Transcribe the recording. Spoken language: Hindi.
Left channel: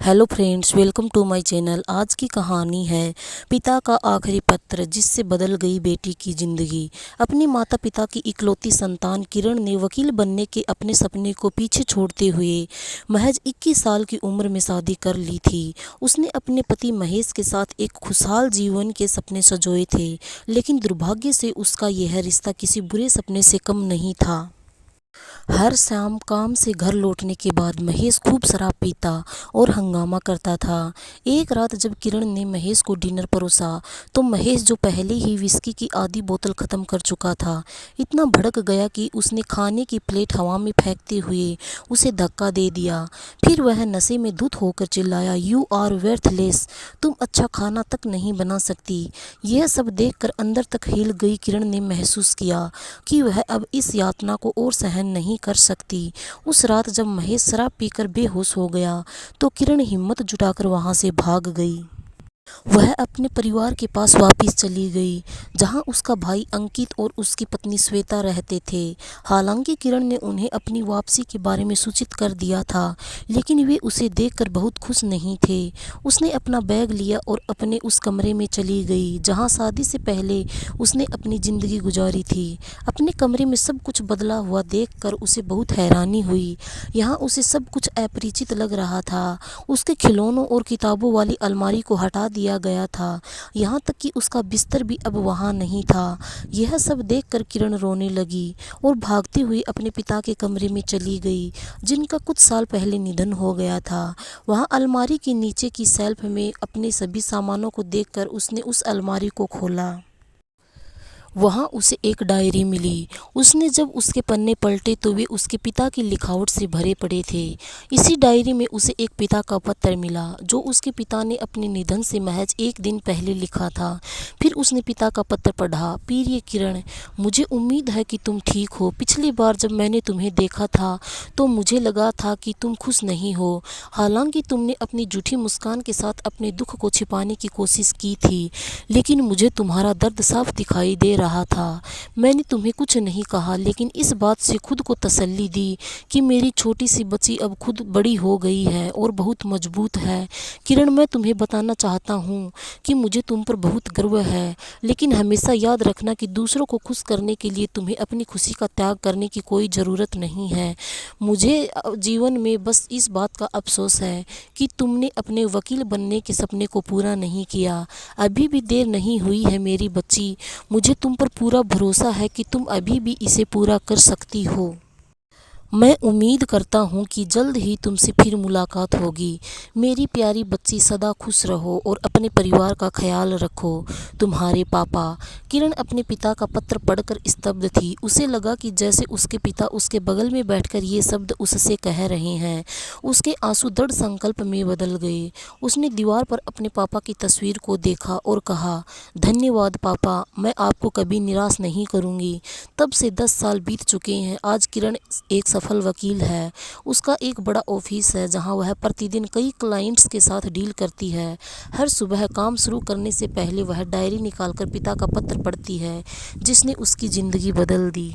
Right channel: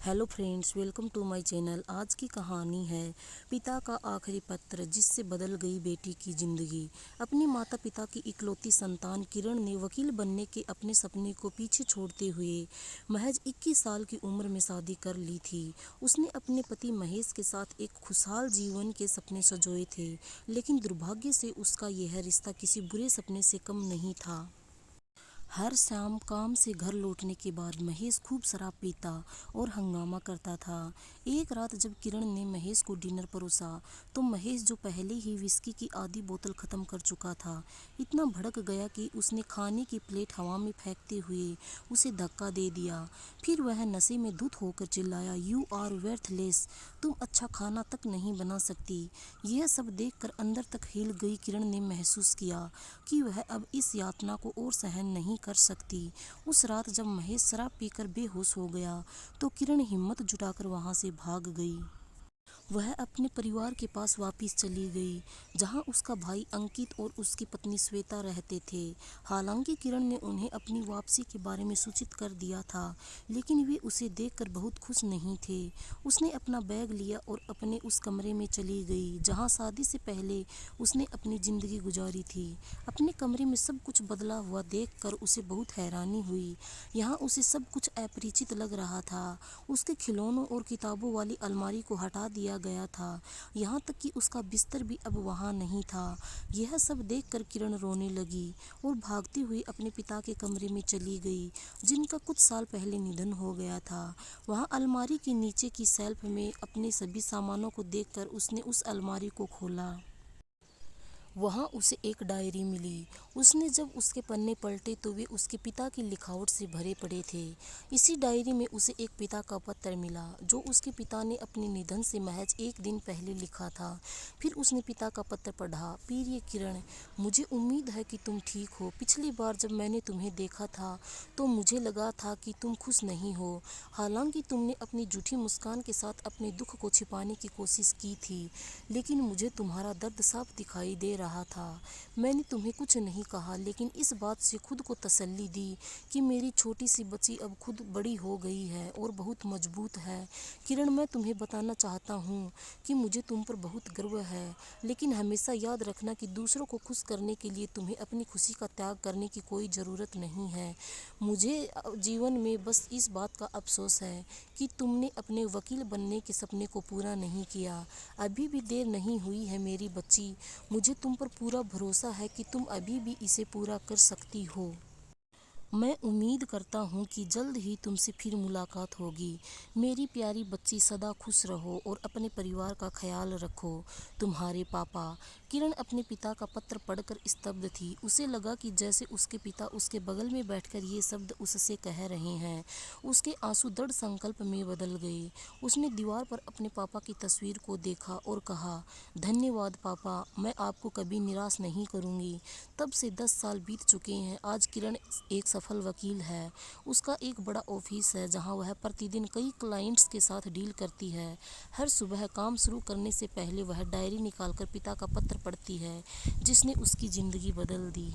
Hello friends, welcome to my channel. आज की कहानी है पिता का आखिरी पत्र जिससे बदल गई बेटी की ज़िंदगी। अपने माता पिता की इकलौती संतान किरण ने वकील बनने के अपने सपने को पीछे छोड़ते हुए महज 21 साल की उम्र में शादी कर ली थी। उसने अपने पति महेश के साथ एक खुशहाल जीवन के सपने संजोए थे, लेकिन दुर्भाग्य से उसका यह रिश्ता किसी बुरे सपने से कम नहीं था। हर शाम काम से घर लौटने के बाद महेश खूब शराब पीता और हंगामा करता था। एक रात जब किरण ने महेश को डिनर परोसा तो महेश, जो पहले ही विस्की की आधी बोतल ख़त्म कर चुका था, इतना भड़क गया कि उसने खाने की प्लेट हवा में फेंकते हुए उसे धक्का दे दिया। फिर वह नशे में धुत होकर चिल्लाया, "यू आर वर्थलेस, तुम अच्छा खाना तक नहीं बना सकती।" यह सब देखकर अंदर तक हिल गई किरण ने महसूस किया कि वह अब इस यातना को और सहन नहीं कर सकती। उस रात जब महेश शराब पीकर बेहोश हो गया तो किरण हिम्मत जुटाकर वहां से भाग गई। वह अपने परिवार के पास वापस चली गई, जहां उसका भाई अंकित और उसकी पत्नी श्वेता रहते थे। हालांकि किरण ने उन्हें अपनी वापसी के बारे में सूचित कर दिया था, लेकिन वे उसे देखकर बहुत खुश नहीं थे। उसने अपना बैग लिया और अपने उस कमरे में चली गई जहां शादी से पहले उसने अपनी ज़िंदगी गुजारी थी। अपने कमरे में सब कुछ बदला हुआ देखकर उसे बहुत हैरानी हुई। यहाँ उसे सब कुछ अपरिचित लग रहा था। उसके खिलौनों और किताबों वाली अलमारी को हटा दिया गया था, यहाँ तक कि उसका बिस्तर भी अब वहाँ नहीं था। यह सब देखकर किरण रोने लगी और भागती हुई अपने पिता के कमरे में चली गई, जिनका कुछ साल पहले निधन हो गया था। वहाँ अलमारी के नीचे की शेल्फ में अपने सभी सामानों को देखकर उसने उस अलमारी को खोला। वहाँ उसे एक डायरी मिली। उसने जब उसके पन्ने पलटे तो वे उसके पिता की लिखावट से भरे पड़े थे। इसी डायरी में उसे एक पिता का पत्र मिला जो उसके पिता ने अपने निधन से महज एक दिन पहले लिखा था। फिर उसने पिता का पत्र पढ़ा। प्रिय किरण, मुझे उम्मीद है कि तुम ठीक हो। पिछली बार जब मैंने तुम्हें देखा था तो मुझे लगा था कि तुम खुश नहीं हो। हालांकि तुमने अपनी झूठी मुस्कान के साथ अपने दुख को छिपाने की कोशिश की थी, लेकिन मुझे तुम्हारा दर्द साफ दिखाई दे रहा था। मैंने तुम्हें कुछ नहीं कहा, लेकिन इस बात से खुद को तसल्ली दी कि मेरी छोटी सी बच्ची अब खुद बड़ी हो गई है और बहुत मजबूत है। किरण, मैं तुम्हें बताना चाहता हूँ कि मुझे तुम पर बहुत गर्व है, लेकिन हमेशा याद रखना कि दूसरों को खुश करने के लिए तुम्हें अपनी खुशी का त्याग करने की कोई ज़रूरत नहीं है। मुझे जीवन में बस इस बात का अफसोस है कि तुमने अपने वकील बनने के सपने को पूरा नहीं किया। अभी भी देर नहीं हुई है मेरी बच्ची। मुझे तुम पर पूरा भरोसा है कि तुम अभी भी इसे पूरा कर सकती हो। मैं उम्मीद करता हूँ कि जल्द ही तुमसे फिर मुलाकात होगी। मेरी प्यारी बच्ची, सदा खुश रहो और अपने परिवार का ख्याल रखो। तुम्हारे पापा। किरण अपने पिता का पत्र पढ़कर स्तब्ध थी। उसे लगा कि जैसे उसके पिता उसके बगल में बैठकर ये शब्द उससे कह रहे हैं। उसके आंसू दृढ़ संकल्प में बदल गए। उसने दीवार पर अपने पापा की तस्वीर को देखा और कहा, "धन्यवाद पापा, मैं आपको कभी निराश नहीं करूँगी।" तब से 10 साल बीत चुके हैं। आज किरण एक सफल वकील है। उसका एक बड़ा ऑफिस है जहां वह प्रतिदिन कई क्लाइंट्स के साथ डील करती है। हर सुबह काम शुरू करने से पहले वह डायरी निकालकर पिता का पत्र पढ़ती है, जिसने उसकी ज़िंदगी बदल दी।